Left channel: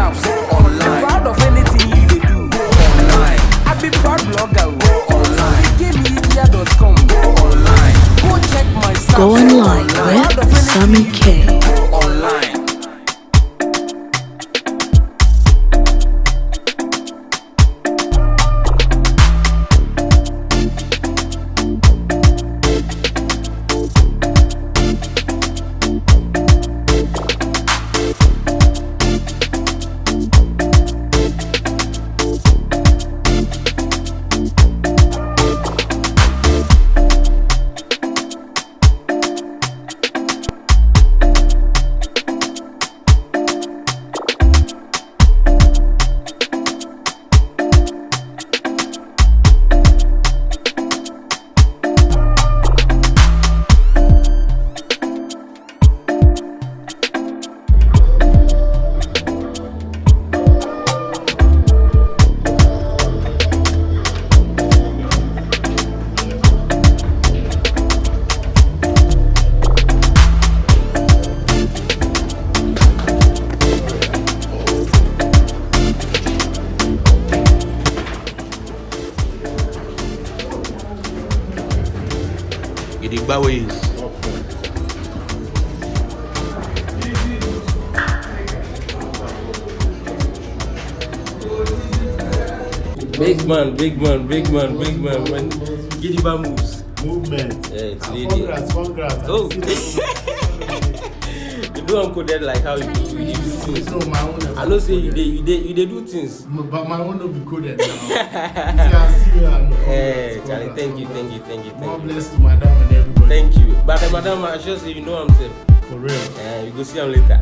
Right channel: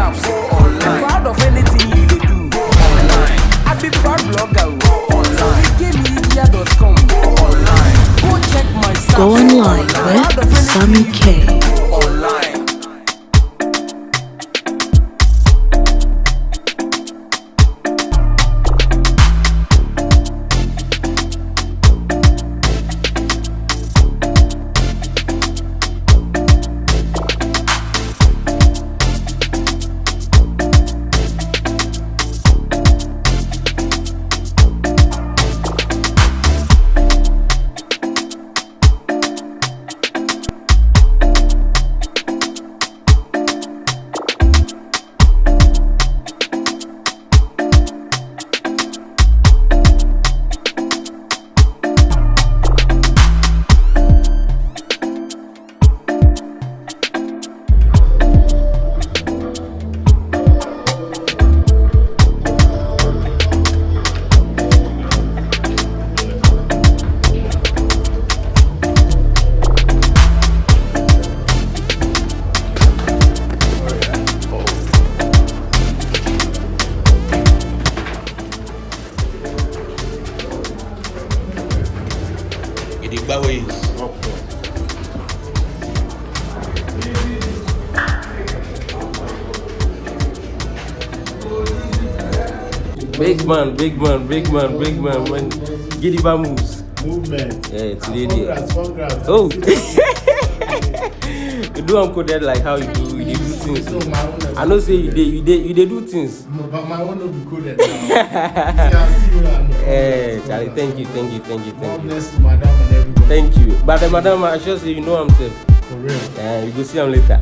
stuffs online. Proud of anything you dey do online. I be proud blogger online. SammyKaymedia.com online. Go check my stuffs online. Proud of anything you dey do online. Big man, man. Get the moves. Movement. Yeah, Congrats. Oh. You do uncoded like how you do things. So my own. I know say you do things. No, but my own will be coded now. See you now. Yeah, Charlie, thank you. More bless to madam and everybody. Thank you. But the madam, I just say you know what I'm saying. For real. Yeah, you go see him later.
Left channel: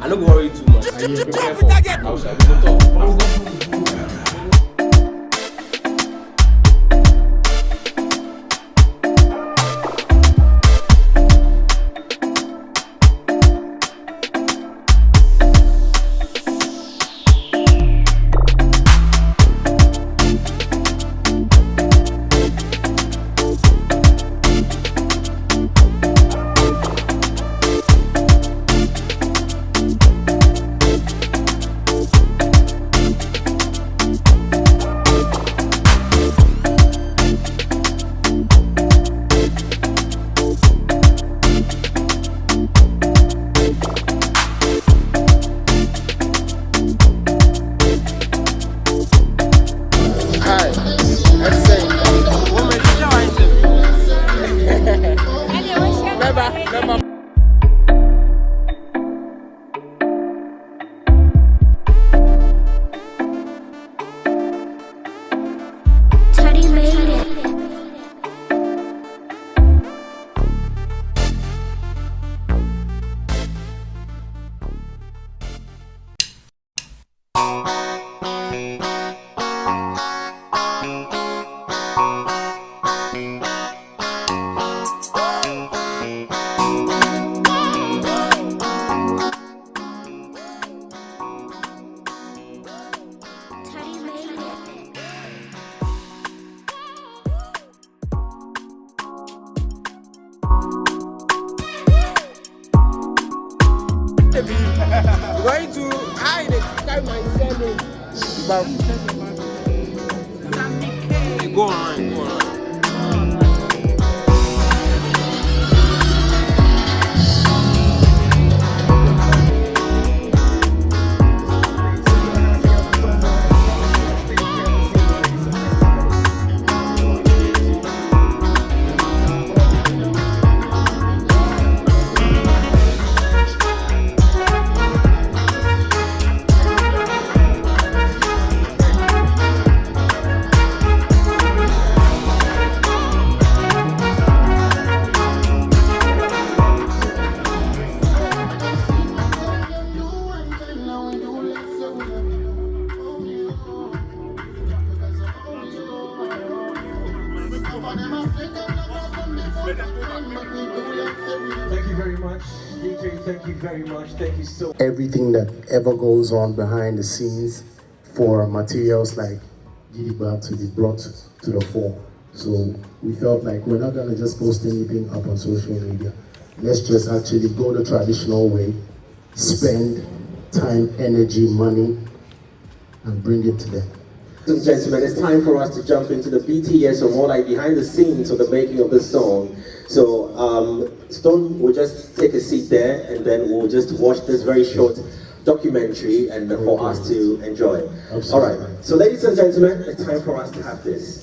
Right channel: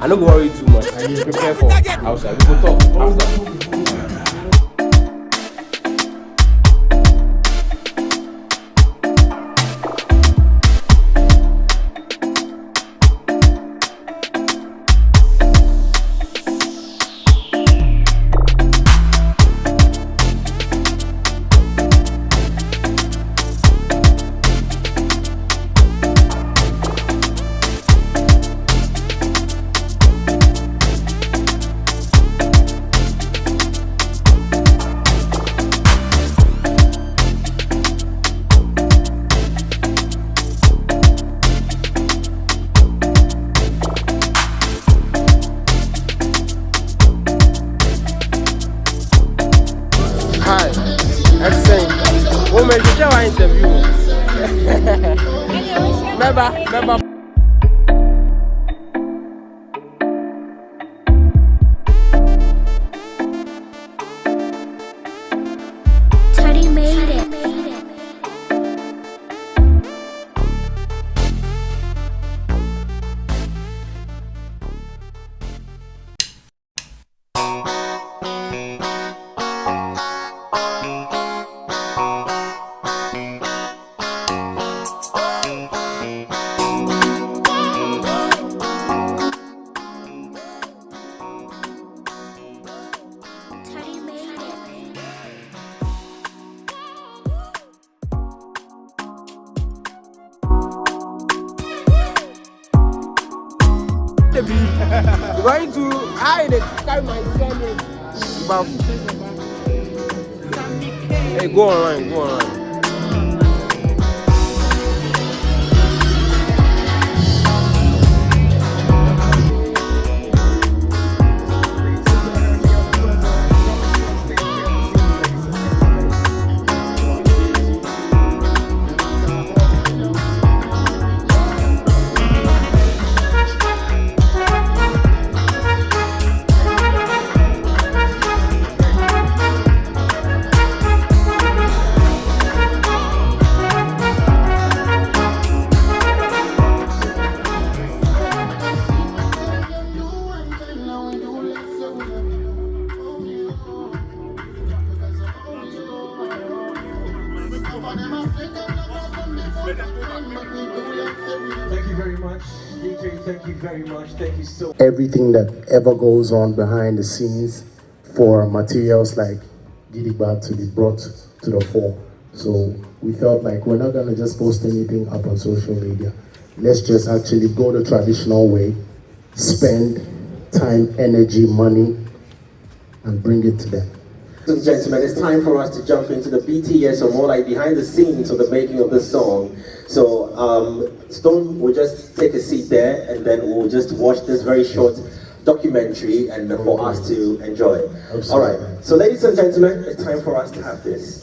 I don't worry too much. I will prepare for outside. We go talk. Going to hide the time myself. Hey, go on. Thank you very much, DJ. Thank you very much. Thank you so much. Everything that ever goes on behind the scenes for materials like Gidigba to be brought to the fore. So we felt like we're not gonna just post anything up on social media. Let's just actually go the traditional way, spend time, energy, money, and bring it to them. Ladies and gentlemen, it's time for us to jump into the BTS, or more like behind the scenes of the making of this song. So Stone will just take a seat there, and then we'll just watch this very short documentary and for us to enjoy. Absolutely. All right, so ladies and gentlemen, it's time for us to have this.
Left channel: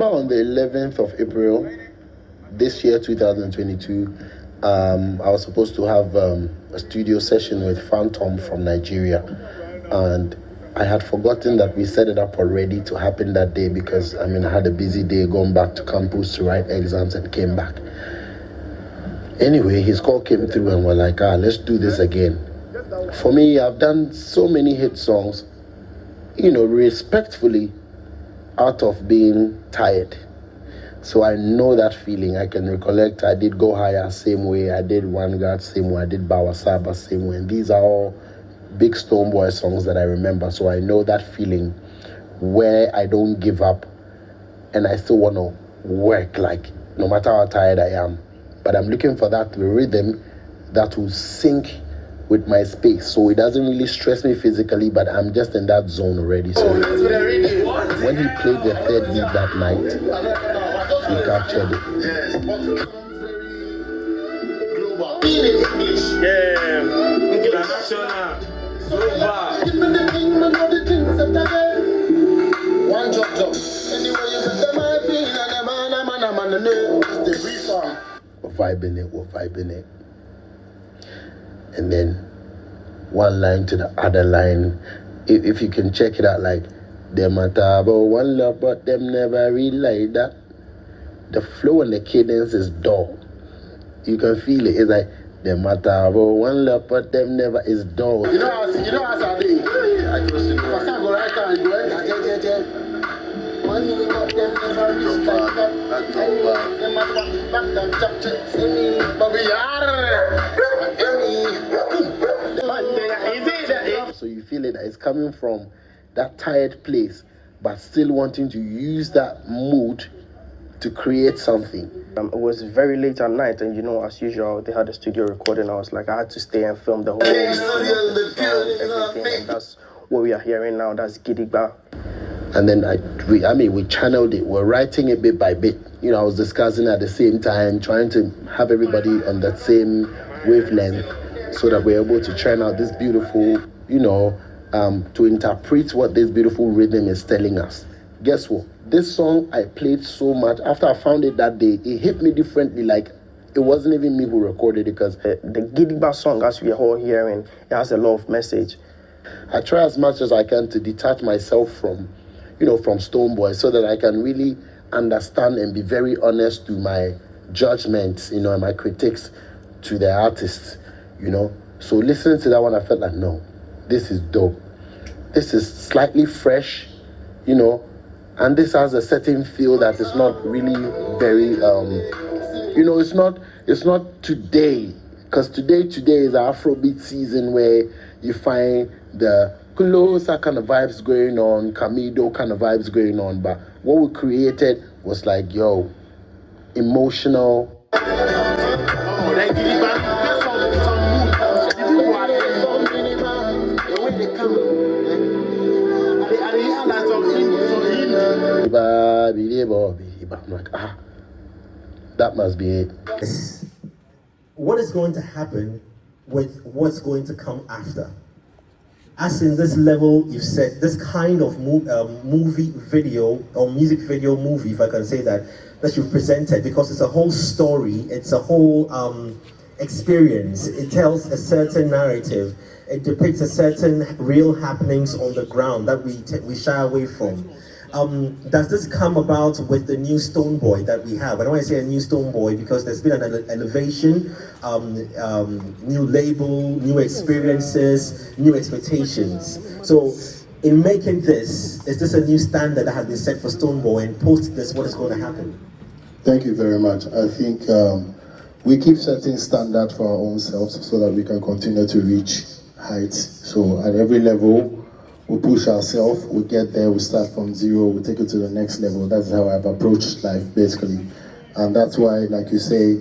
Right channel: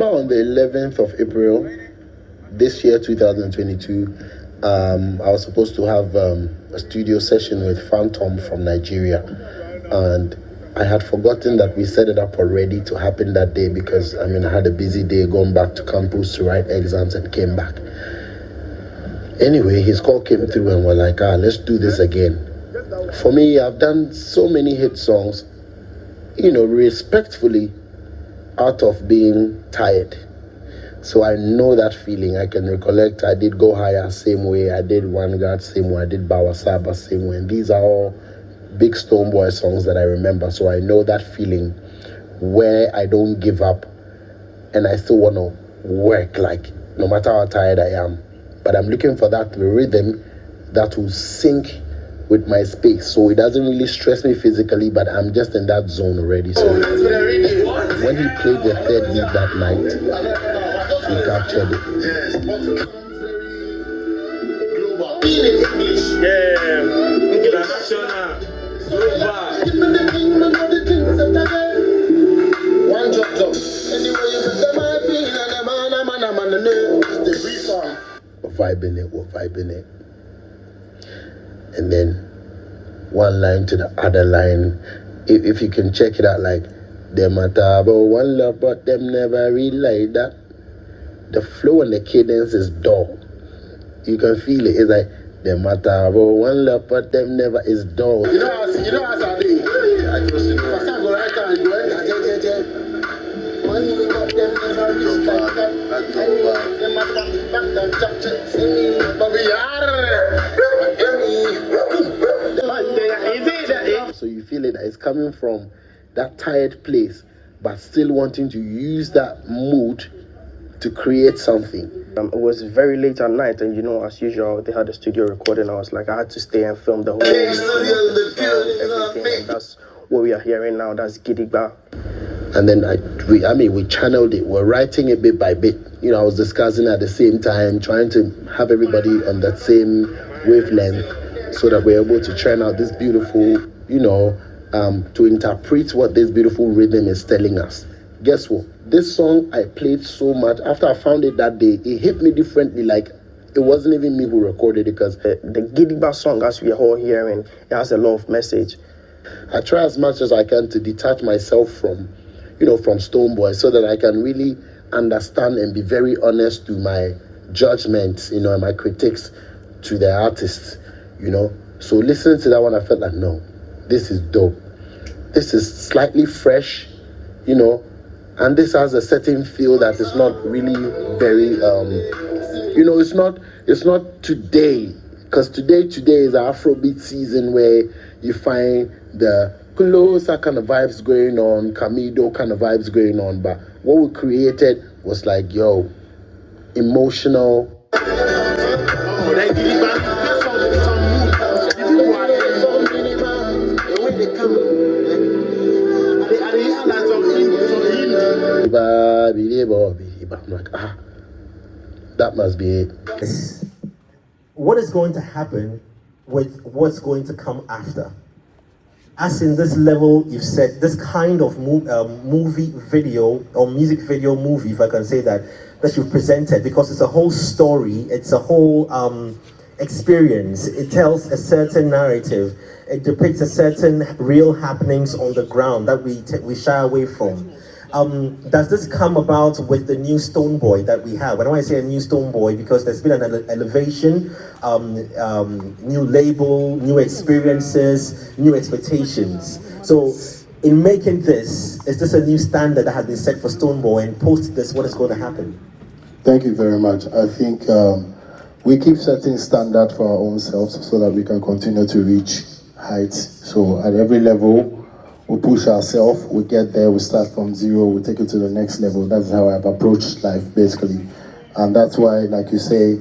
On the 11th of April this year, 2022, I was supposed to have a studio session with Phantom from Nigeria, and I had forgotten that we set it up already to happen that day because I had a busy day going back to campus to write exams and came back. Anyway, his call came through and we're like, let's do this again. For me, I've done so many hit songs, respectfully, out of being tired. So I know that feeling. I can recollect I did Go Higher same way, I did One God same way, I did Bawasaba same way. And these are all big Stonebwoy songs that I remember. So I know that feeling where I don't give up and I still want to work, like no matter how tired I am. But I'm looking for that rhythm that will sync with my space. So it doesn't really stress me physically, but I'm just in that zone already. So when he played the third beat that night, we captured it. We're vibing it. And then one line to the other line. If you can check it out, like, them a talk about one love, but them never really like that. The flow and the cadence is dull. You can feel it. It's like, them a talk about one love, but them never is dull. You know as I do. I go right down, go right down. So you feel it, it's coming from that tired place, but still wanting to use that mood to create something. It was very late at night, and as usual, they had a studio recording. I was like, I had to stay and film the whole everything, and that's what we are hearing now. That's Gidigba. And then we channeled it. We're writing it bit by bit. I was discussing at the same time, trying to have everybody on that same wavelength, so that we're able to churn out this beautiful, to interpret what this beautiful rhythm is telling us. Guess what? This song I played so much. After I found it that day, it hit me differently. Like, it wasn't even me who recorded it, because the Gidigba song, as we are all hearing, it has a lot of message. I try as much as I can to detach myself from Stonebwoy, so that I can really understand and be very honest to my judgments, and my critiques to the artists, So listening to that one, I felt like, no, this is dope. This is slightly fresh, and this has a certain feel that is not really very, it's not today, because today is Afrobeat season, where you find the closer kind of vibes going on, Camido kind of vibes going on, but what we created was like, emotional. I'm like, that must be it. What is going to happen with what's going to come after? as in this level, you've said this kind of movie video or music video movie, if I can say that you've presented, because it's a whole story, it's a whole experience. It tells a certain narrative. It depicts a certain real happenings on the ground that we shy away from. Does this come about with the new Stonebwoy that we have? And when I say a new Stonebwoy, because there's been an elevation, new label, new experiences, new expectations. So in making this, is this a new standard that has been set for Stonebwoy, and post this, what is going to happen? Thank you very much. I think we keep setting standard for our own selves so that we can continue to reach heights. So at every level, we push ourselves, we get there, we start from zero, we take it to the next level. That's how I've approached life, basically. And that's why, like you say,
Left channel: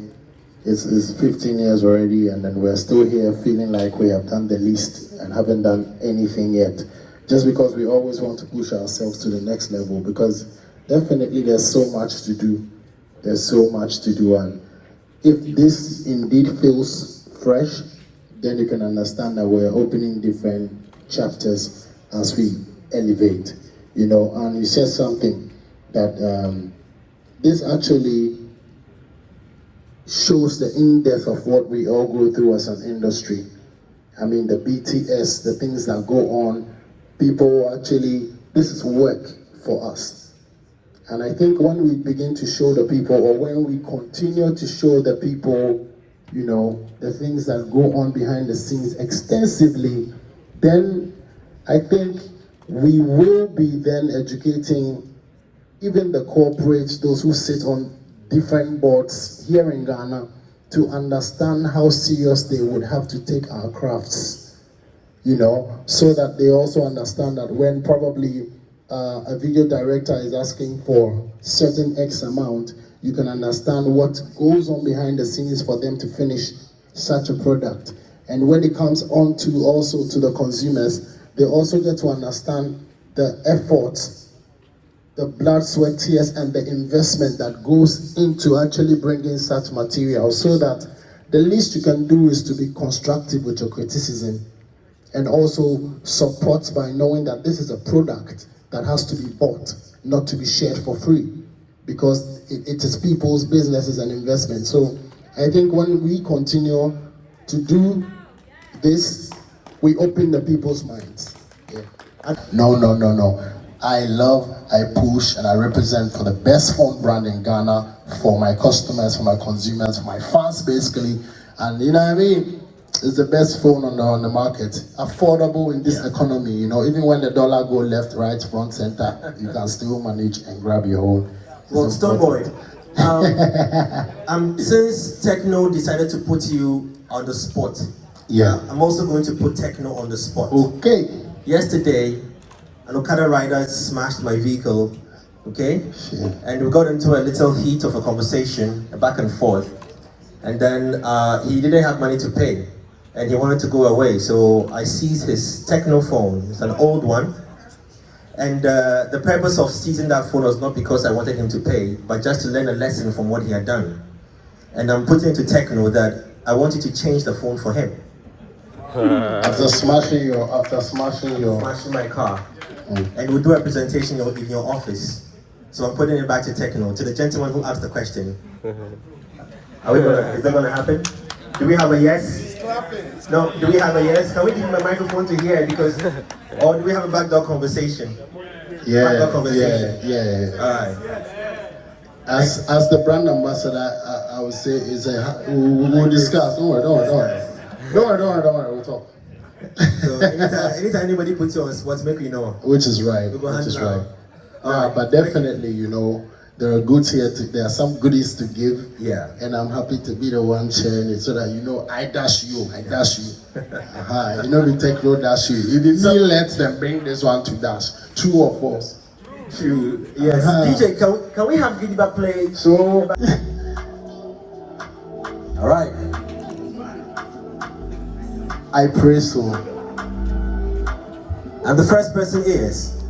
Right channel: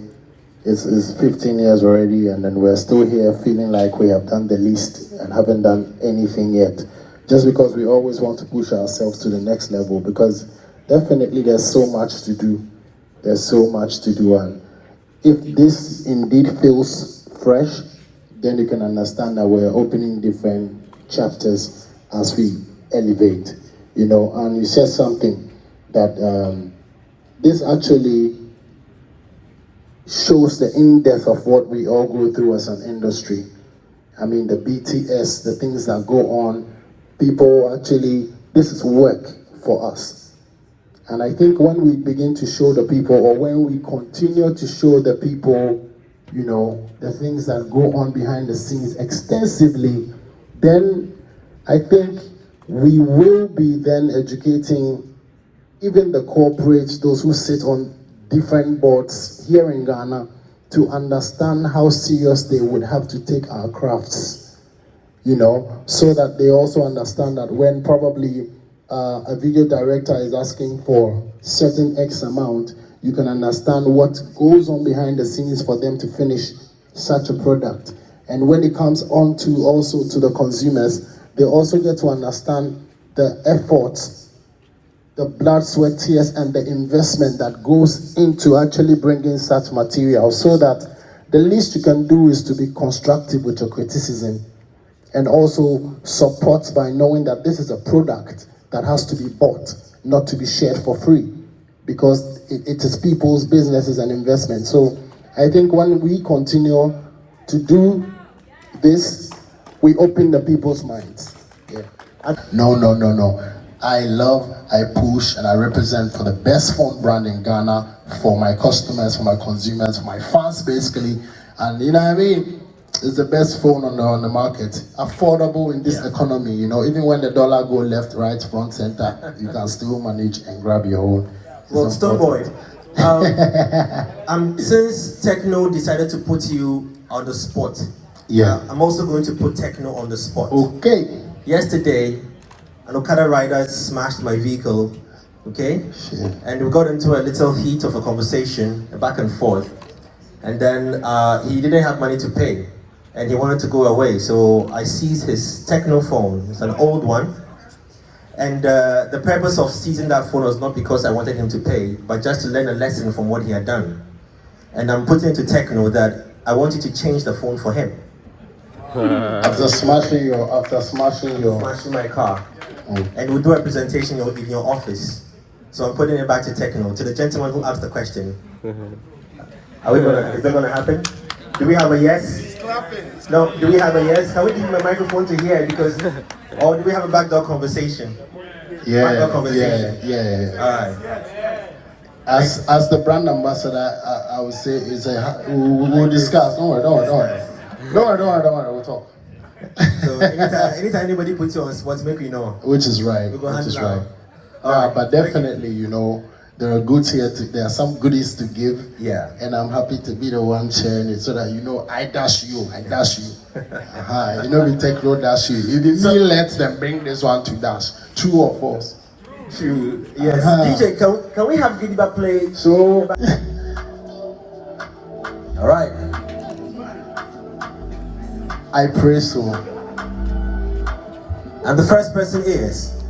it's 15 years already, and then we're still here feeling like we have done the least and haven't done anything yet. Just because we always want to push ourselves to the next level, because definitely there's so much to do. There's so much to do, and if this indeed feels fresh, then you can understand that we're opening different chapters as we elevate, you know. And you said something that this actually shows the in-depth of what we all go through as an industry. I mean, the BTS, the things that go on, people actually, this is work for us. And I think when we begin to show the people, or when we continue to show the people, you know, the things that go on behind the scenes extensively, then I think we will be then educating even the corporates, those who sit on different boards here in Ghana, to understand how serious they would have to take our crafts, you know, so that they also understand that when probably a video director is asking for certain X amount, you can understand what goes on behind the scenes for them to finish such a product. And when it comes on to also to the consumers, they also get to understand the efforts, the blood, sweat, tears, and the investment that goes into actually bringing such material, so that the least you can do is to be constructive with your criticism, and also support by knowing that this is a product that has to be bought, not to be shared for free, because it is people's businesses and investments. So I think when we continue to do this, we open the people's minds. Yeah. No. I love, I push, and I represent for the best phone brand in Ghana, for my customers, for my consumers, for my fans, basically. And you know what I mean? It's the best phone on the market. Affordable in this economy, you know, even when the dollar go left, right, front, center, you can still manage and grab your own. Well, Stonebwoy, since Techno decided to put you on the spot, yeah, I'm also going to put Techno on the spot. Okay. Yesterday, an Okada rider smashed my vehicle, okay? Shit. And we got into a little heat of a conversation, a back and forth. And then he didn't have money to pay, and he wanted to go away. So I seized his Techno phone. It's an old one. And the purpose of seizing that phone was not because I wanted him to pay, but just to learn a lesson from what he had done. And I'm putting it to Techno that I want you to change the phone for him. After smashing my car. And we'll do a presentation in your office. So I'm putting it back to Techno, to the gentleman who asked the question. Is that gonna happen? Do we have a yes? No, do we have a yes? Can we give him a microphone to hear? Because, or do we have a backdoor conversation? Yeah. All right. As the brand ambassador, I would say we'll discuss. Don't worry. We'll talk. So anytime anybody puts you on spot, make me know. Which is right. But definitely, you know, there are goods here. There are some goodies to give. Yeah. And I'm happy to be the one sharing it, so that you know I dash you. You know, we take no dash you. If you me let them bring this one to dash. True or false? True. Yes. DJ, can we have Gidiba play? So. All right. I pray so. And the first person is?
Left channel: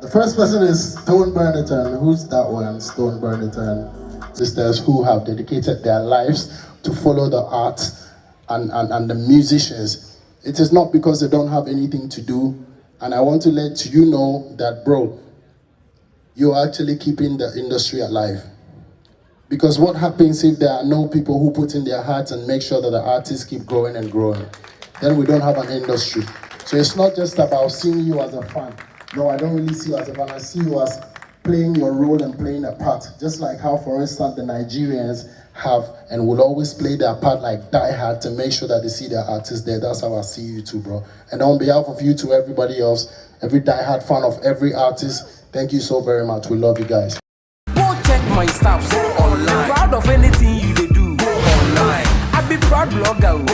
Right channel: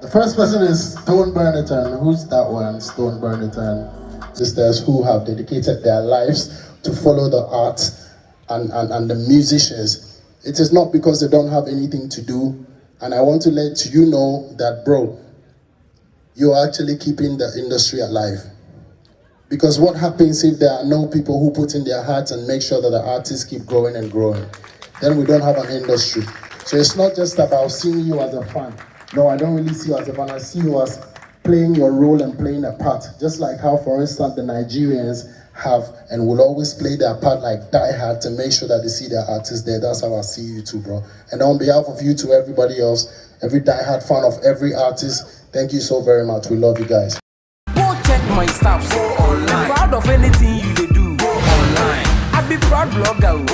The first person is Stone Burnerton. Who's that one? Stone Burnerton. Sisters who have dedicated their lives to follow the art and the musicians It is not because they don't have anything to do. And I want to let you know that, bro, you're actually keeping the industry alive. Because what happens if there are no people who put in their hearts and make sure that the artists keep growing and growing? Then we don't have an industry. So it's not just about seeing you as a fan. No, I don't really see you as a fan. I see you as playing your role and playing a part. Just like how, for instance, the Nigerians have and will always play their part like die hard to make sure that they see their artists there. That's how I see you too, bro. And on behalf of you to everybody else, every die-hard fan of every artist, thank you so very much. We love you guys. Go check my stuff online. Proud of anything you they do online. I be proud blogger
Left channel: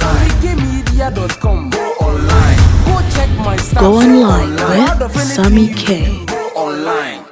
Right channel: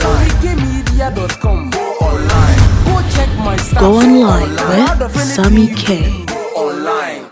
SammyKaymedia.com online. Go check my stuff online. Proud of anything you they do online.